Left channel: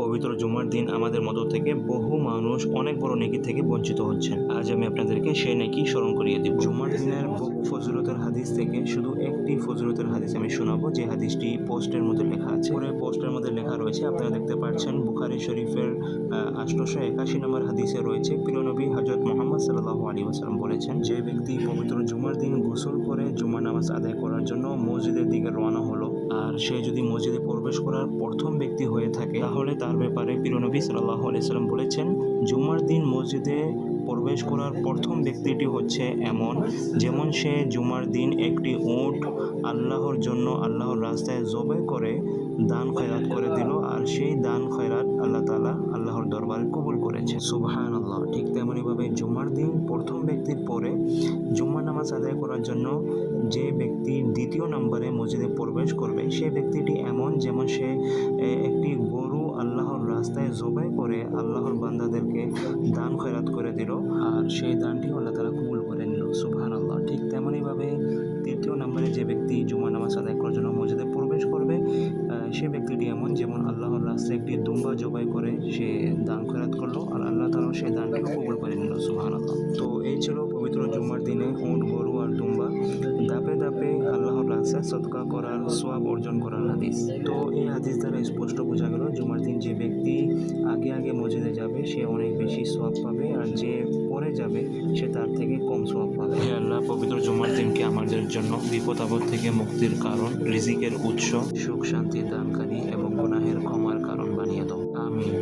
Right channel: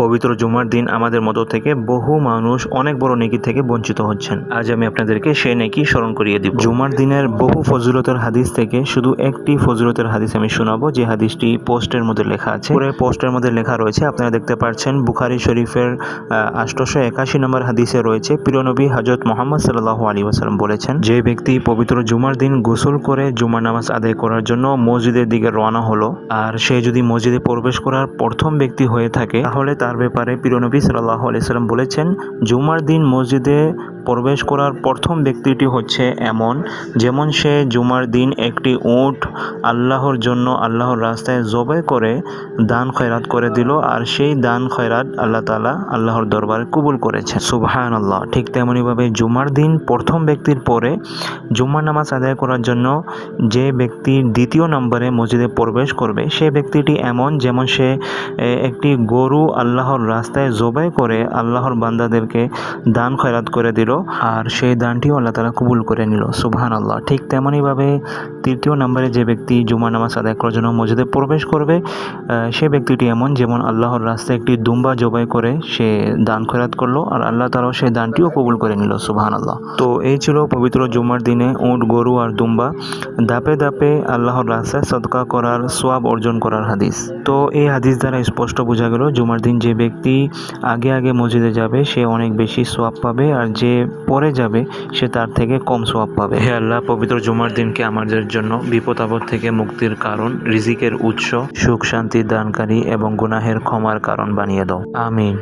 পবিত্র জুমার দিন আমাদের মধ্য থেকে বহু মানুষ অনেক বড় নেকি থেকে বঞ্চিত হচ্ছেন। আজ আমি আপনাদেরকে সেই নেকি স্মরণ করিয়ে দিব। জুমার দিনের বহু ফজিলতের হাদিস থেকে শুধু একটি ফজিলতের হাদিস আমি শোনাবো, যে হাদিসটি পোস্টের মধ্যে লেখা আছে। পুরো পোস্টের মধ্যে লেখা রয়েছে, আপনারা দেখতে পাচ্ছেন। বুখারী শরীফের 881 নম্বর হাদিসে রয়েছে, প্রিয় নবী হযরত মুহাম্মদ সাল্লাল্লাহু আলাইহি ওয়াসাল্লাম বলেছেন, যে ব্যক্তি পবিত্র জুমার দিন গোসল করে জুমার নামাজ আদায় করার জন্য মসজিদের দিকে রওনা হলো, আর সে যদি মসজিদে প্রবেশ করার প্রথম ব্যক্তি হয়ে থাকে, তাহলে তার ব্যাপারে প্রিয় নবী সাল্লাল্লাহু আলাইহি ওয়াসাল্লাম বলেছেন, জুমার দিন মসজিদে প্রবেশ করার প্রথম ব্যক্তিটি হচ্ছে এমন, যেমন সে জুমার দিন একটি উট আল্লাহর জন্য আল্লাহর রাস্তায় জবাই করে দান খয়রাত করে দিল, আর সেই দান খয়রাত আল্লাহ তাআলা আল্লাহর দরবারে কবুল করেছেন। সুবহানাল্লাহ। ঠিক তেমনিভাবে জুমার দিন প্রথম ব্যক্তির পরে জুমার নামাজ আদায় করার জন্য যে ব্যক্তি দ্বিতীয় নম্বরে মসজিদে প্রবেশ করবে, সে ব্যক্তিটি এমন, যেমন সে একটি গরু আল্লাহর রাস্তায় জবাই করে আল্লাহর বান্দাদেরকে দান খয়রাত করে দিল, আর সেই দানটিও আল্লাহ তাআলা কবুল করে নিল। সুবহানাল্লাহ। ঠিক তেমনইভাবে তৃতীয় নম্বরে যে ব্যক্তি জুমার নামাজ আদায় করার জন্য মসজিদে প্রবেশ করবে, সে ব্যক্তিটি এমন, যেমন আল্লাহর রাস্তায় একটি দুম্বা জবাই করে সে দান খয়রাত করলো, আর আল্লাহ তাআলা সেই দানটিও কবুল করে নিল। সুবহানাল্লাহ। তো এই ছিল পবিত্র জুমার দিনে উট, গরু আর দুম্বা ধাপে ধাপে আল্লাহর রাস্তায় সদকা করার সওয়াব অর্জন করার হাদিস। তো এই হাদিস দ্বারা স্পষ্ট বোঝা গেল, জুমার দিন যে ব্যক্তি আগে আগে মসজিদে যাবে সে অনেক বেশি সওয়াব পাবে, আর যে পরে যাবে সে তার থেকে কম সওয়াব পাবে। হে আল্লাহ, পবিত্র জুমার দিনকে আমাদের জন্য বিপদ আপদ থেকে মুক্তির কারণ, রিজিকের উৎস, সুখ শান্তি দানকারী এবং গুনাহের ক্ষমার কারণ বানিয়ে দাও। আমিন।